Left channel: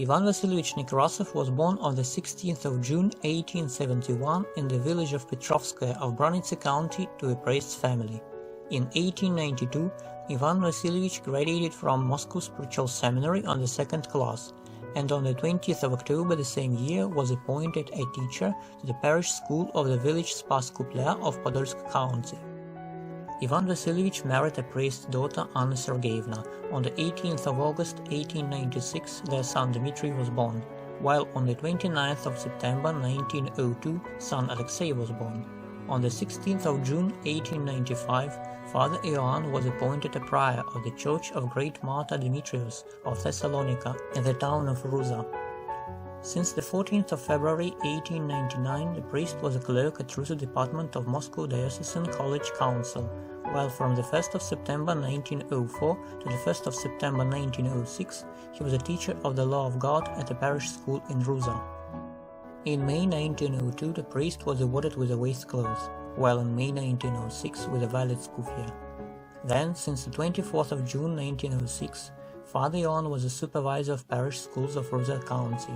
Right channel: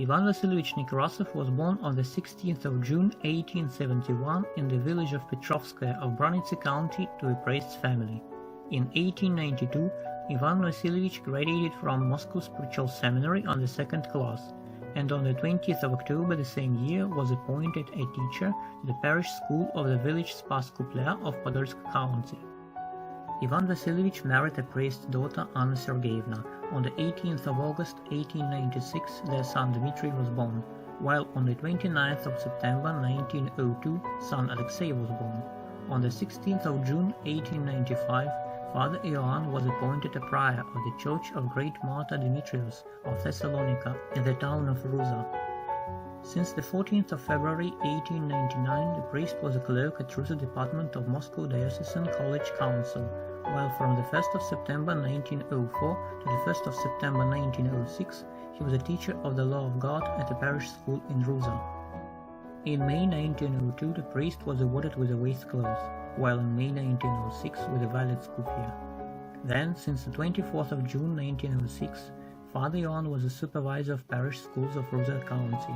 Ioann Nekrasov was born on the 16th of June 1871 in the village of Petrovskaya of Bryansk County to a priest's family. In 1892, Ioann Vasilievich graduated from Moscow Spiritual Seminary on the second class, and on the 20th of October the same year was appointed a teacher to the parish school of the village Spas Kuplea of Podolsk County. Ioann Vasilievich married a priest's daughter Anna Sergeyevna. On the 18th of August 1896 their son Dmitry was born, while on the 29th of September 1902 son Alexei was born. On the 16th of June 1895 Father Ioann was appointed a prior of the Church of Great Martyr Demetrius of Thessalonica in the town of Ruza. Since the 14th of February 1899 the priest was a clerk at Ruza department of Moscow Diocesan College Council, while from the 1st of September 1904 to the 1st of September 1906 he was a teacher of the law of God at a parish school in Ruza. In May 1902 the priest was awarded with a waistcloth, while in May 1906 with a valid skufia. Then, since the 24th of June 1906, Father Ioann was a supervisor of parish schools of Ruza County,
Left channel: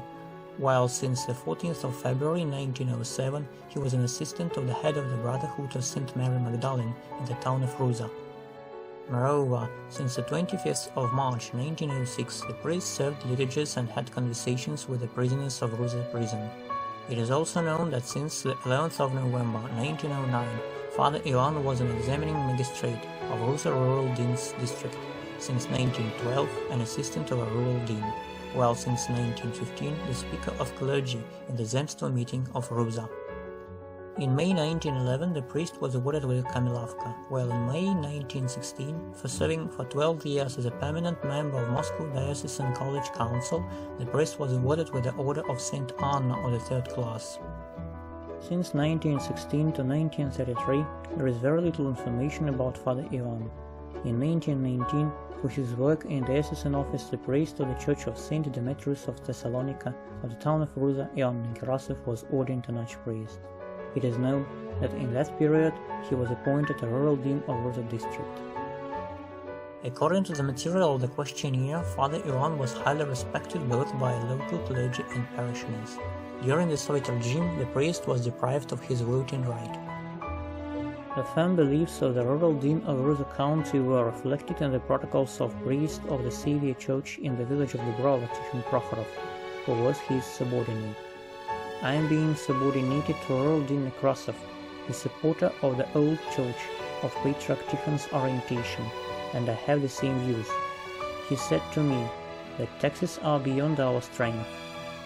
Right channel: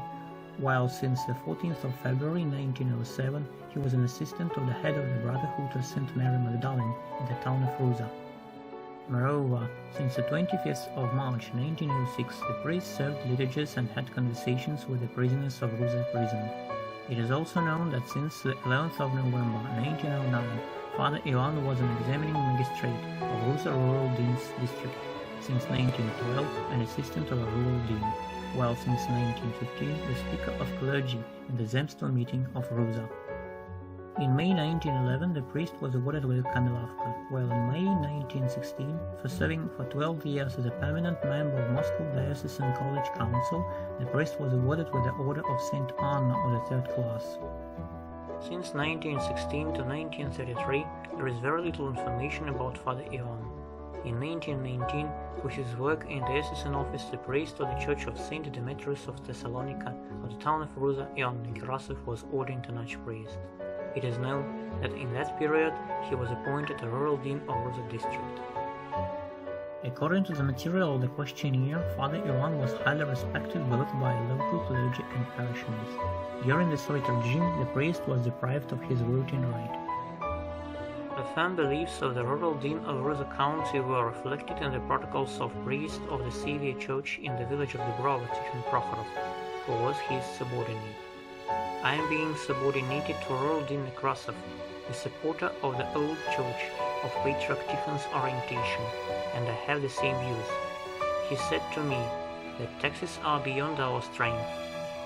while since the 14th of February 1907 he was an assistant of the head of the Brotherhood of St. Mary Magdalene in the town of Ruza. Moreover, since the 25th of March 1906 the priest served liturgies and had conversations with the prisoners of Ruza prison. It is also known that since the 11th of November 1909 Father Ioann was an examining magistrate of Ruza Rural Dean's District, since 1912 an assistant of a rural dean, while since 1915 the speaker of clergy in the Zemstvo meeting of Ruza. In May 1911 the priest was awarded with a Kamilavka, while in May 1916, for serving for 12 years as a permanent member of Moscow Diocesan College Council, the priest was awarded with the Order of St. Anna of the third class. Since 1916 to 1933 there is very little information about Father Ioann. In 1919, for his work in the diocesan office, the priest of the Church of St. Demetrius of Thessalonica of the town of Ruza, Ioann Nekrasov, was ordained an archpriest. It is known that in that period he was appointed a rural dean of Ruza district. According to the material of the questionnaire, Father Ioann was highly respected both by local clergy and parishioners. During the Soviet regime, the priest was deprived of his voting right. The firm beliefs of the rural dean of Ruza County were reflected in the protocols of priest of the Savior Church in the village of Dubrova, Tikhon Prokhorov, who was his subordinate. I am being subordinated to rural dean Nekrasov, the supporter of the old church of Patriarch Tikhon's orientation, and I have the same views. He said to me that taxes are beyond our strength.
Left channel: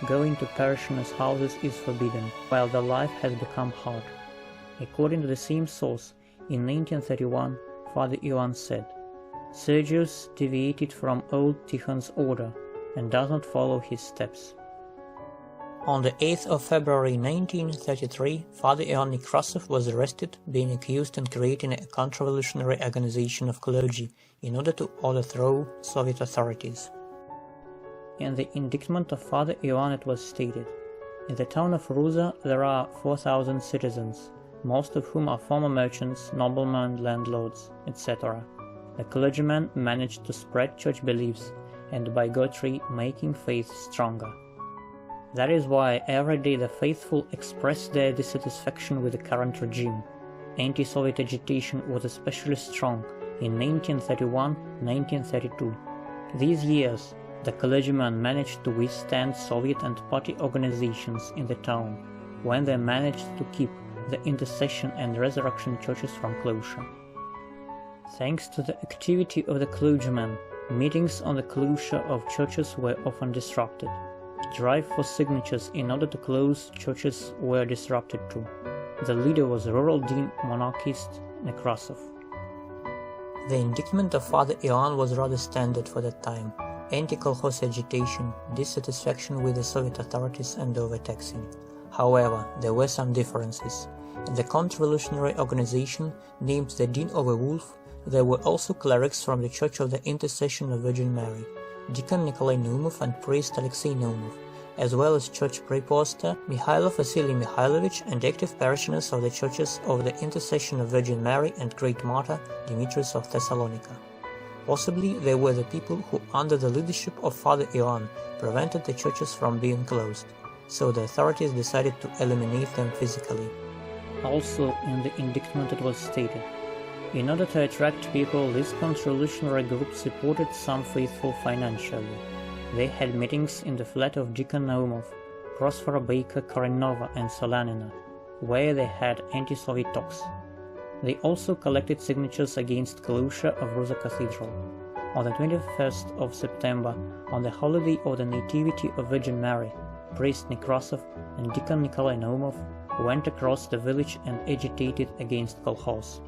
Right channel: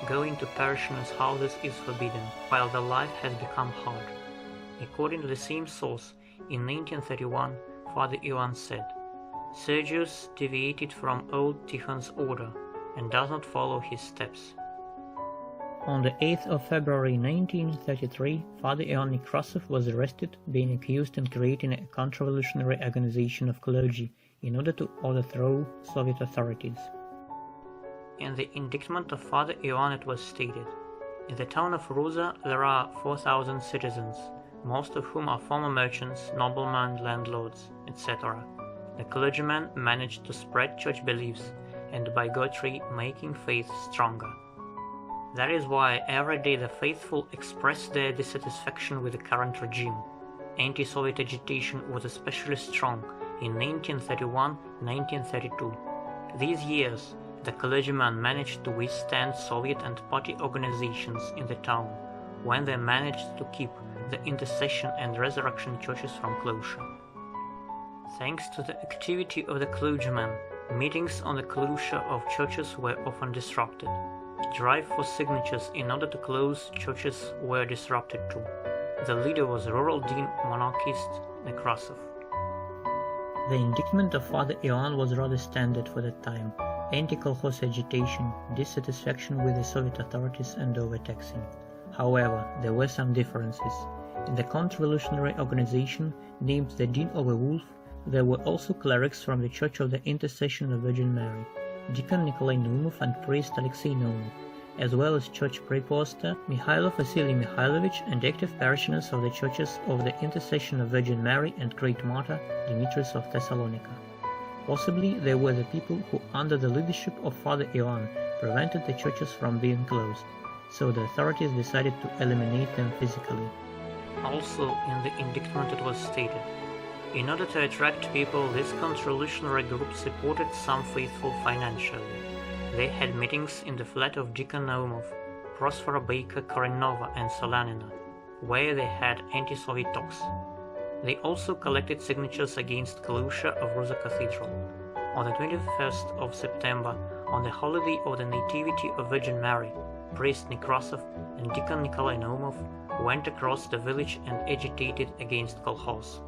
Going to parishioners' houses is forbidden, while the life has become hard. According to the same source, in 1931, Father Ioann said, Sergius deviated from old Tikhon's order and does not follow his steps. On the 8th of February 1933, Father Ioann Nekrasov was arrested, being accused in creating a counter-revolutionary organization of clergy in order to overthrow Soviet authorities. In the indictment of Father Ioann it was stated, in the town of Ruza there are 4,000 citizens, most of whom are former merchants, noblemen, landlords, etc. The clergymen managed to spread church beliefs and by bigotry making faith stronger. That is why every day the faithful express their dissatisfaction with the current regime. Anti-Soviet agitation was especially strong in 1931-1932. These years, the clergymen managed to withstand Soviet and party organizations in the town, when they managed to keep the intercession and resurrection churches from closure. Thanks to the activity of the clergymen, meetings on the closure of churches were often disrupted. Drive for signatures in order to close churches were disrupted too. The leader was rural dean monarchist Nekrasov. The indictment of Father Ioann was rather standard for that time. Anti-kolkhoz agitation, dissatisfaction with the Soviet authorities and overtaxing. However, there were some differences. In the counter-revolutionary organization, named the Dean of a Wolf, there were also clerics from the Church of the Intercession of Virgin Mary, Deacon Nikolai Naumov and priest Alexei Naumov, as well as church preposter Mikhailov Vasily Mikhailovich and active parishioners of the Churches of the Intercession of Virgin Mary and Great Martyr Demetrius of Thessalonica. Possibly they were the people who, under the leadership of Father Ioann, prevented the churches from being closed, so the authorities decided to eliminate them physically. Also, in the indictment it was stated, in order to attract people, this counter-revolutionary group supported some faithful financially. They had meetings in the flat of Deacon Naumov, Prospera Baker Karenova and Solanina, where they had anti-Soviet talks. They also collected signatures against closure of Ruza Cathedral. On the 21st of September, on the holiday of the Nativity of Virgin Mary, priest Nekrasov and Deacon Nikolai Naumov went across the village and agitated against kolkhoz.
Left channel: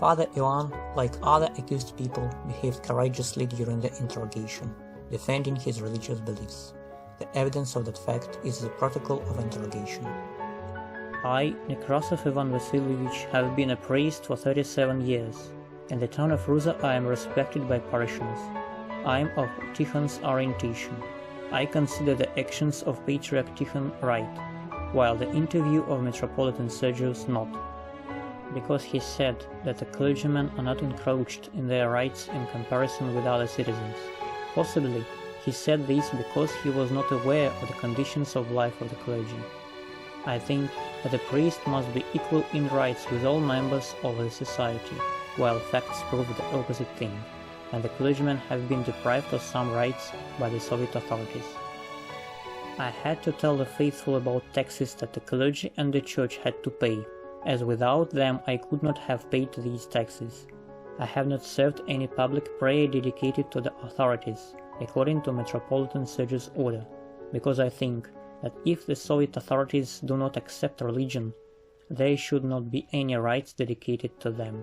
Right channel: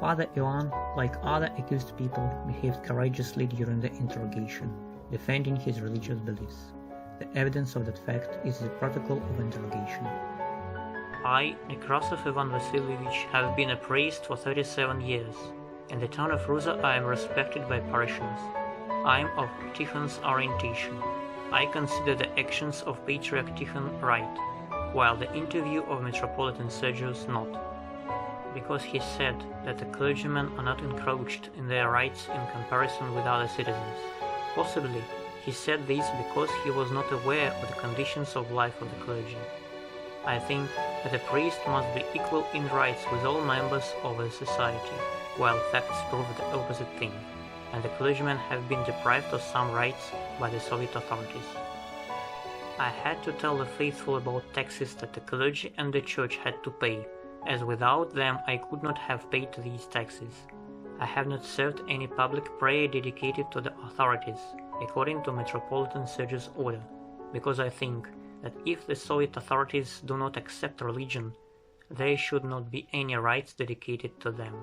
Father Ioann, like other accused people, behaved courageously during the interrogation, defending his religious beliefs. The evidence of that fact is the protocol of interrogation. I, Nekrasov Ivan Vasilievich, have been a priest for 37 years. In the town of Ruza I am respected by parishioners. I am of Tikhon's orientation. I consider the actions of Patriarch Tikhon right, while the interview of Metropolitan Sergius not, because he said that the clergymen are not encroached in their rights in comparison with other citizens. Possibly, he said this because he was not aware of the conditions of life of the clergy. I think that a priest must be equal in rights with all members of the society, while facts prove the opposite thing, and the clergymen have been deprived of some rights by the Soviet authorities. I had to tell the faithful about taxes that the clergy and the church had to pay, as without them I could not have paid these taxes. I have not served any public prayer dedicated to the authorities, according to Metropolitan Sergius' order, because I think that if the Soviet authorities do not accept religion, there should not be any rites dedicated to them.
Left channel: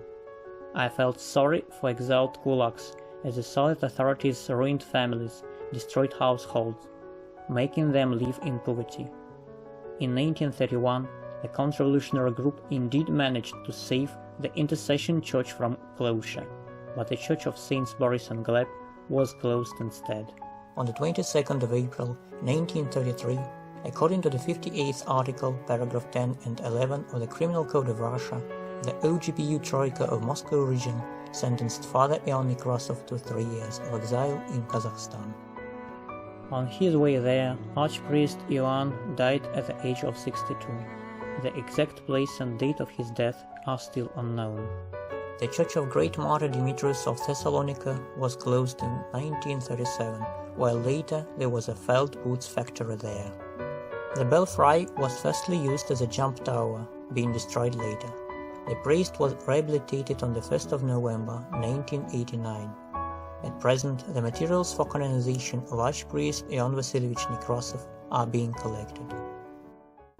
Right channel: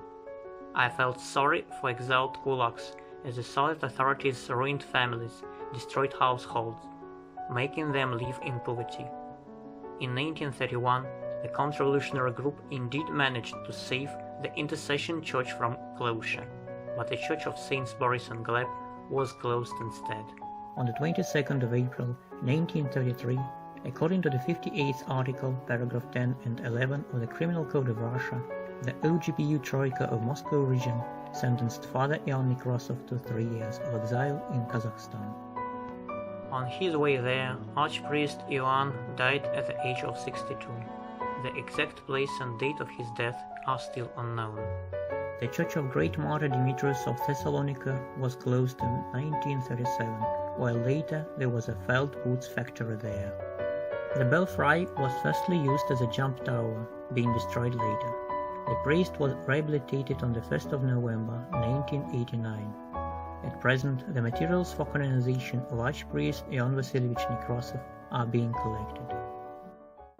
I felt sorry for exiled kulaks, as the Soviet authorities ruined families, destroyed households, making them live in poverty. In 1931, the counter-revolutionary group indeed managed to save the Intercession Church from closure, but the Church of Saints Boris and Gleb was closed instead. On the 22nd of April, 1933, according to the 58th article, paragraph 10 and 11 of the Criminal Code of Russia, the OGPU Troika of Moscow region sentenced Father Ioann Nekrasov to 3 years of exile in Kazakhstan. On his way there, archpriest Ioann died at the age of 62. The exact place and date of his death are still unknown. The Church of Great Martyr Demetrius of Thessalonica was closed in 1937, while later there was a felt goods factory there. The belfry was firstly used as a jump tower, being destroyed later. The priest was rehabilitated on the 1st of November 1989. At present, the materials for canonization of Archpriest Ioann Vasilievich Nekrasov are being collected.